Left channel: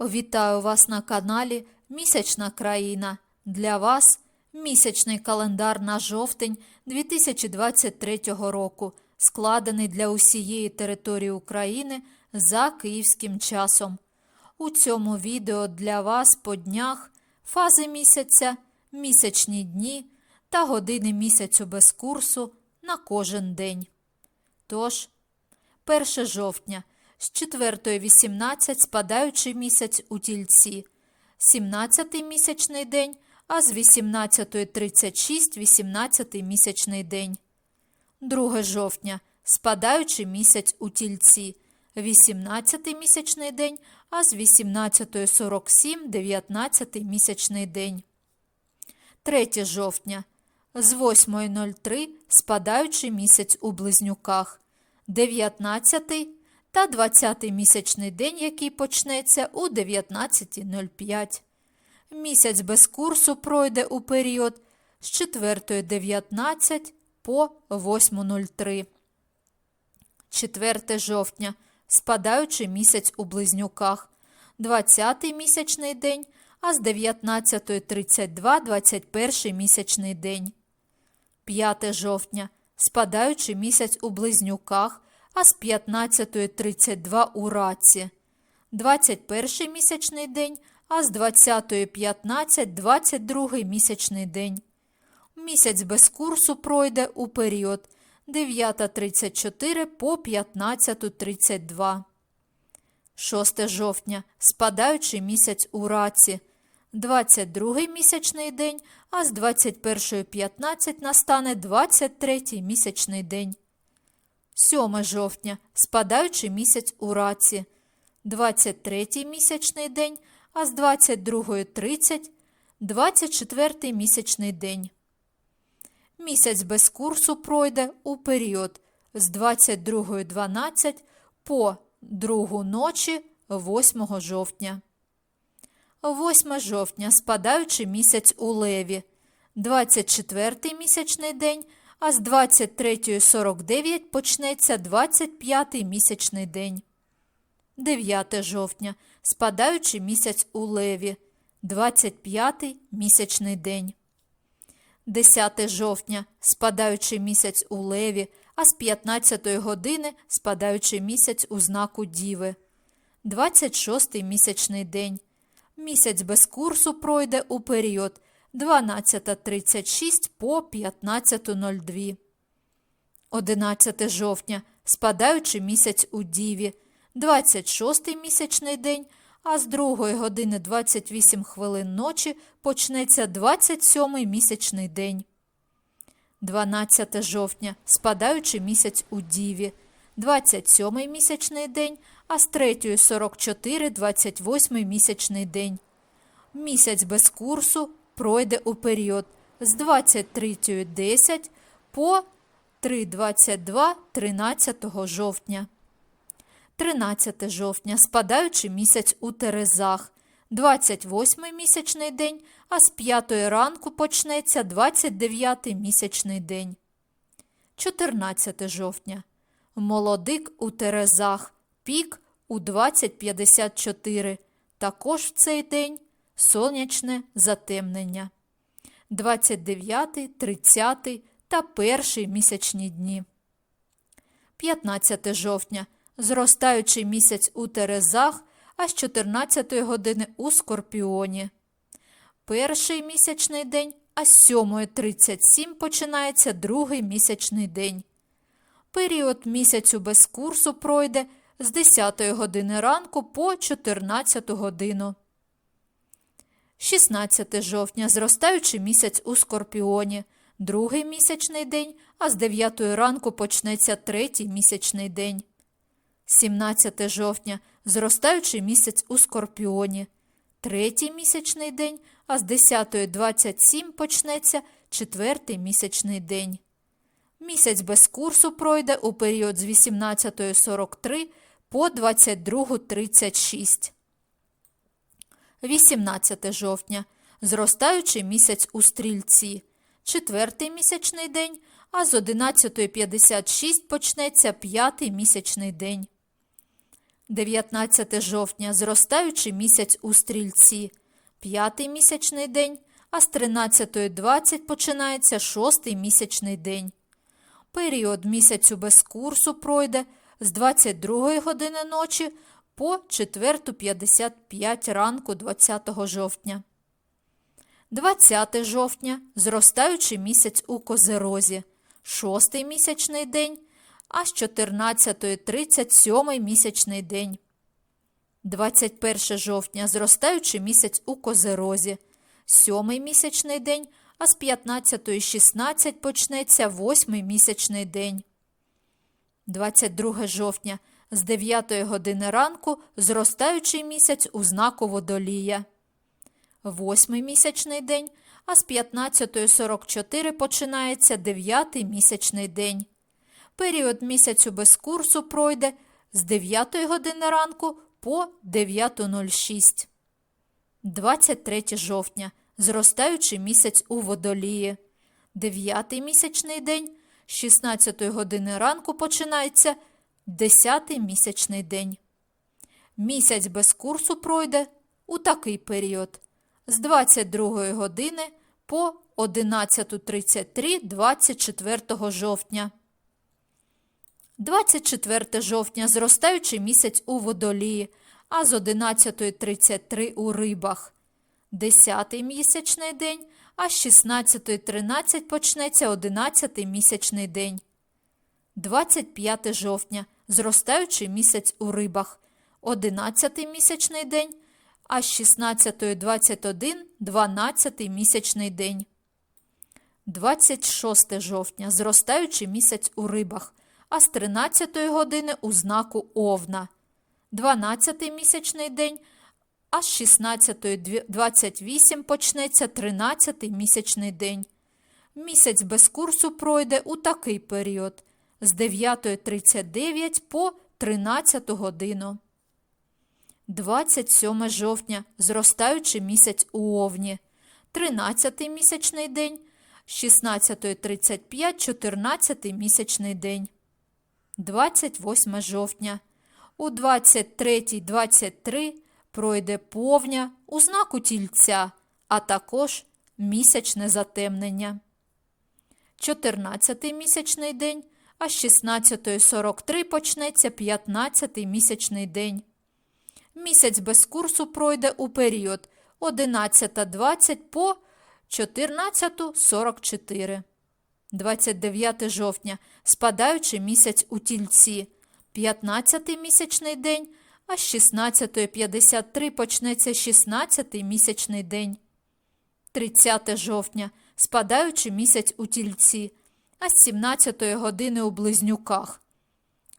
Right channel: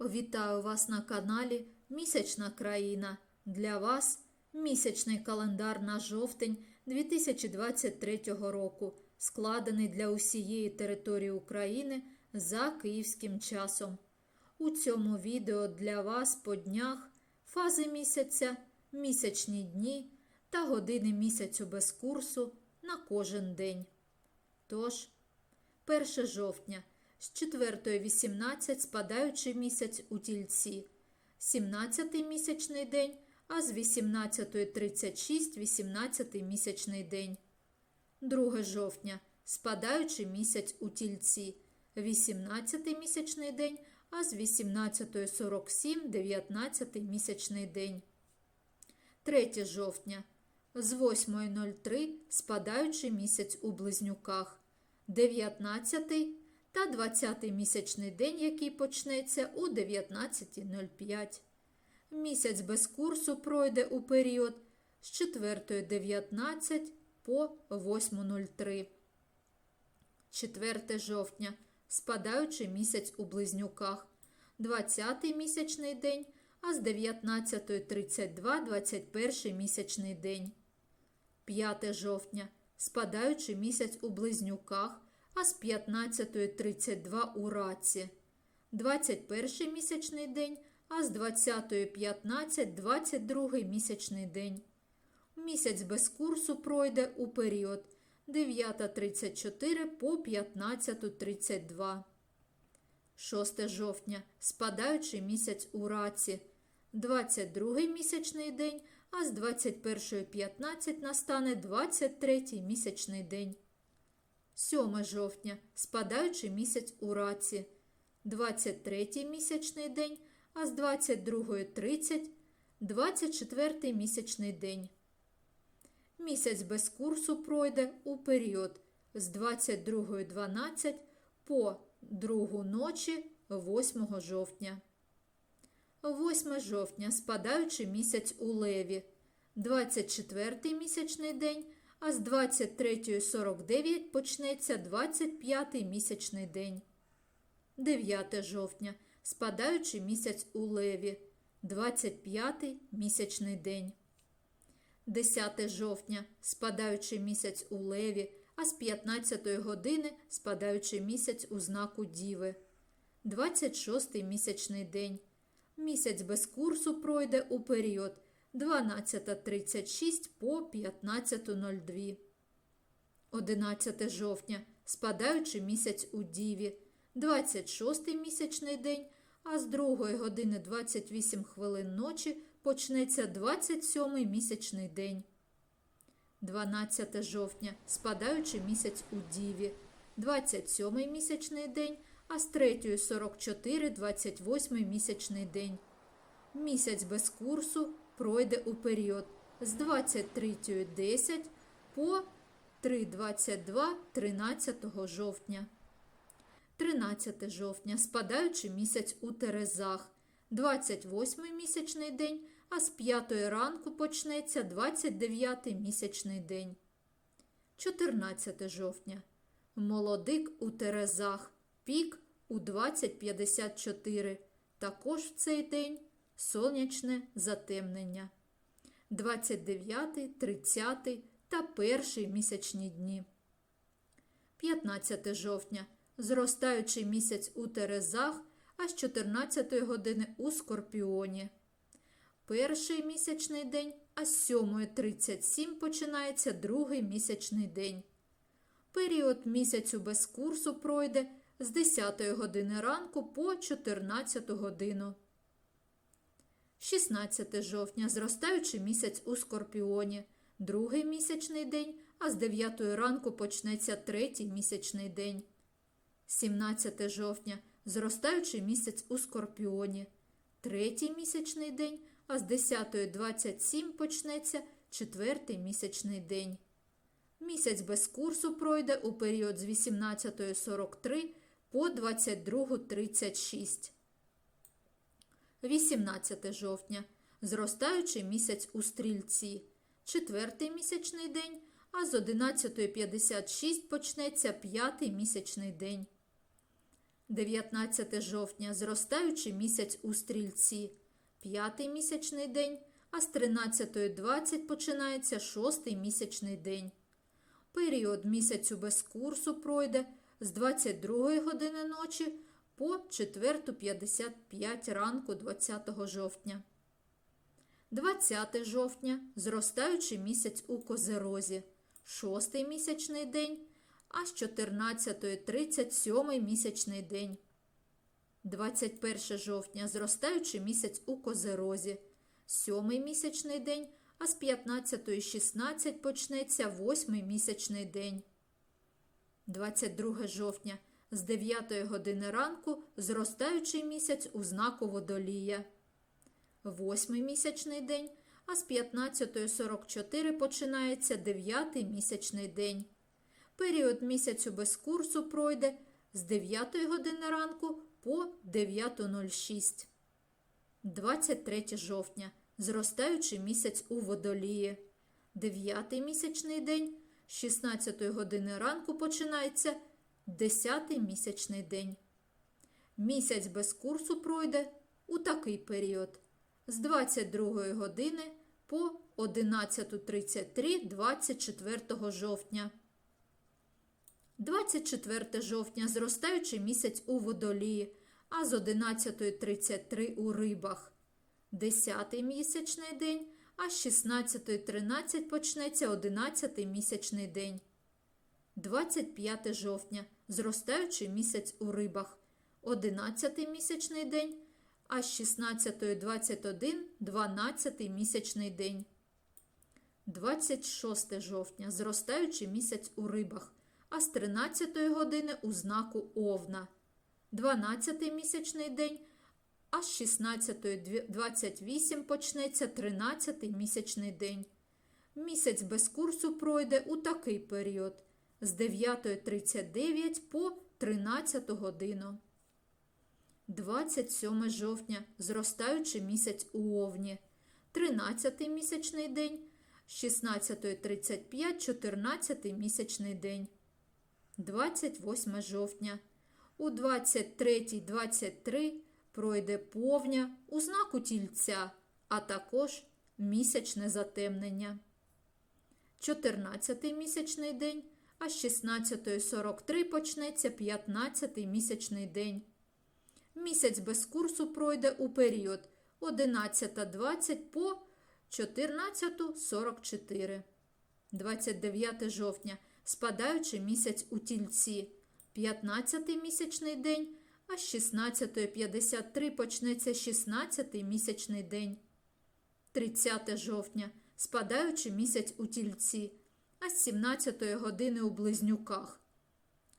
Вітаю вас на каналі Місячна країна. Для вас місячний календар на жовтень 2023 року, складений для усієї території України за київським часом. У цьому відео для вас по днях фази місяця, місячні дні та години місяцю без курсу на кожен день. Тож, 1 жовтня з 4.18 спадаючий місяць у тільці, 17 місячний день, а з 18.36 18 місячний день. 2 жовтня спадаючий місяць у тільці, 18 місячний день, а з 18.47 19 місячний день. 3 жовтня з 8.03 спадаючий місяць у близнюках, 19 та 20 місячний день, який почнеться у 19.05. Місяць без курсу пройде у період з 4.19 по 8.03. 4 жовтня спадаючий місяць у близнюках, 20 місячний день, а з 19.32 21 місячний день. 5 жовтня спадаючий місяць у близнюках, а з 15.32 у раці. 21 місячний день, а з 20.15 22 місячний день. Місяць без курсу пройде у період 9.34 по 15.32. 6 жовтня спадаючий місяць у раці. 22 місячний день, а з 21.15 настане 23 місячний день. 7 жовтня спадаючий місяць у раці. 23 місячний день, а з 22.30 24 місячний день. Місяць без курсу пройде у період з 22.12 по 2 ночі 8 жовтня. 8 жовтня спадаючий місяць у леві, 24 місячний день, а з 23.49 почнеться 25 місячний день. 9 жовтня спадаючий місяць у леві, 25 місячний день. 10 жовтня спадаючий місяць у леві, а з 15 години спадаючий місяць у знаку Діви. 26 місячний день. Місяць без курсу пройде у період 12.36 по 15.02. 11 жовтня спадаючий місяць у Діві, 26 місячний день, а з 2 години 28 хвилин ночі почнеться 27 місячний день. 12 жовтня спадаючий місяць у Діві, 27 місячний день, а з 3.44 28 місячний день. Місяць без курсу пройде у період з 23.10 по 3.22 13 жовтня. 13 жовтня спадаючий місяць у Терезах, 28 місячний день, а з 5 ранку почнеться 29 місячний день. 14 жовтня. Молодик у Терезах, пік у 20.54. Також в цей день сонячне затемнення. 29, 30 та перший місячні дні. 15 жовтня. Зростаючий місяць у Терезах, а з 14 години у Скорпіоні. Перший місячний день, а з 7.37 починається другий місячний день. Період місяцю без курсу пройде з 10 години ранку по 14 годину. 16 жовтня зростаючий місяць у Скорпіоні, другий місячний день, а з 9 ранку почнеться третій місячний день. 17 жовтня зростаючий місяць у Скорпіоні, третій місячний день, а з 10.27 почнеться четвертий місячний день. Місяць без курсу пройде у період з 18.43 по 22.36. 18 жовтня. Зростаючий місяць у стрільці. Четвертий місячний день, а з 11.56 почнеться п'ятий місячний день. 19 жовтня зростаючий місяць у стрільці, п'ятий місячний день, а з 13.20 починається шостий місячний день. Період місяцю без курсу пройде з 22 години ночі по 4.55 ранку 20 жовтня. 20 жовтня зростаючий місяць у Козерозі, шостий місячний день, а з 14.30 сьомий місячний день. 21 жовтня зростаючий місяць у Козерозі, сьомий місячний день, а з 15.16 почнеться восьмий місячний день. 22 жовтня з 9 години ранку зростаючий місяць у знаку водолія. Восьмий місячний день, а з 15.44 починається дев'ятий місячний день. Період місяцю без курсу пройде з 9 години ранку по 9.06. 23 жовтня зростаючий місяць у водолії. Дев'ятий місячний день з 16 години ранку починається 10 місячний день. Місяць без курсу пройде у такий період з 22 години по 11.33 24 жовтня. 24 жовтня зростаючий місяць у водолії, а з 11.33 у рибах. 10 місячний день, а з 16.13 почнеться 11 місячний день. 25 жовтня зростаючий місяць у рибах. 11 місячний день, а з 16.21 12 місячний день. 26 жовтня зростаючий місяць у рибах, а з 13 години у знаку Овна. 12 місячний день, а з 16.28 почнеться 13 місячний день. Місяць без курсу пройде у такий період з 9.39 по 13 годину. 27 жовтня зростаючий місяць у Овні, 13 місячний день, з 16.35 14 місячний день. 28 жовтня. У 23.23 пройде повня у знаку тільця, а також місячне затемнення. 14 місячний день, а з 16.43 почнеться 15-й місячний день. Місяць без курсу пройде у період 11.20 по 14.44. 29 жовтня спадаючий місяць у тільці, 15 місячний день, а з 16.53 почнеться 16 місячний день. 30 жовтня спадаючий місяць у тільці, а з 17 години у близнюках.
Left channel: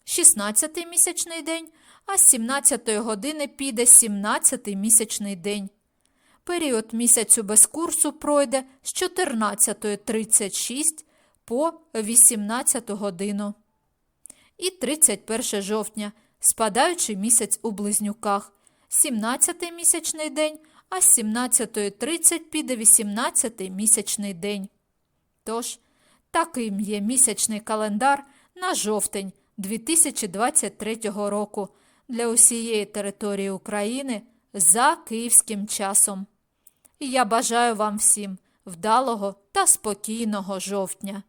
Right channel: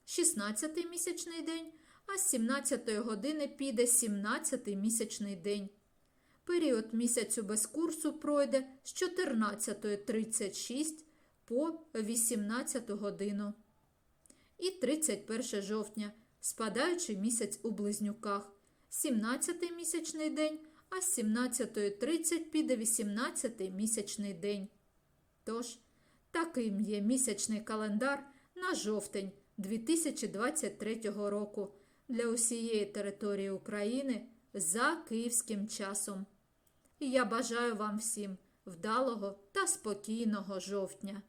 16 місячний день, а з 17 години піде 17 місячний день. Період місяцю без курсу пройде з 14.36 по 18 годину. І 31 жовтня спадаючий місяць у близнюках, 17 місячний день, а з 17.30 піде 18 місячний день. Тож, таким є місячний календар на жовтень 2023 року для усієї території України за київським часом. І я бажаю вам всім вдалого та спокійного жовтня.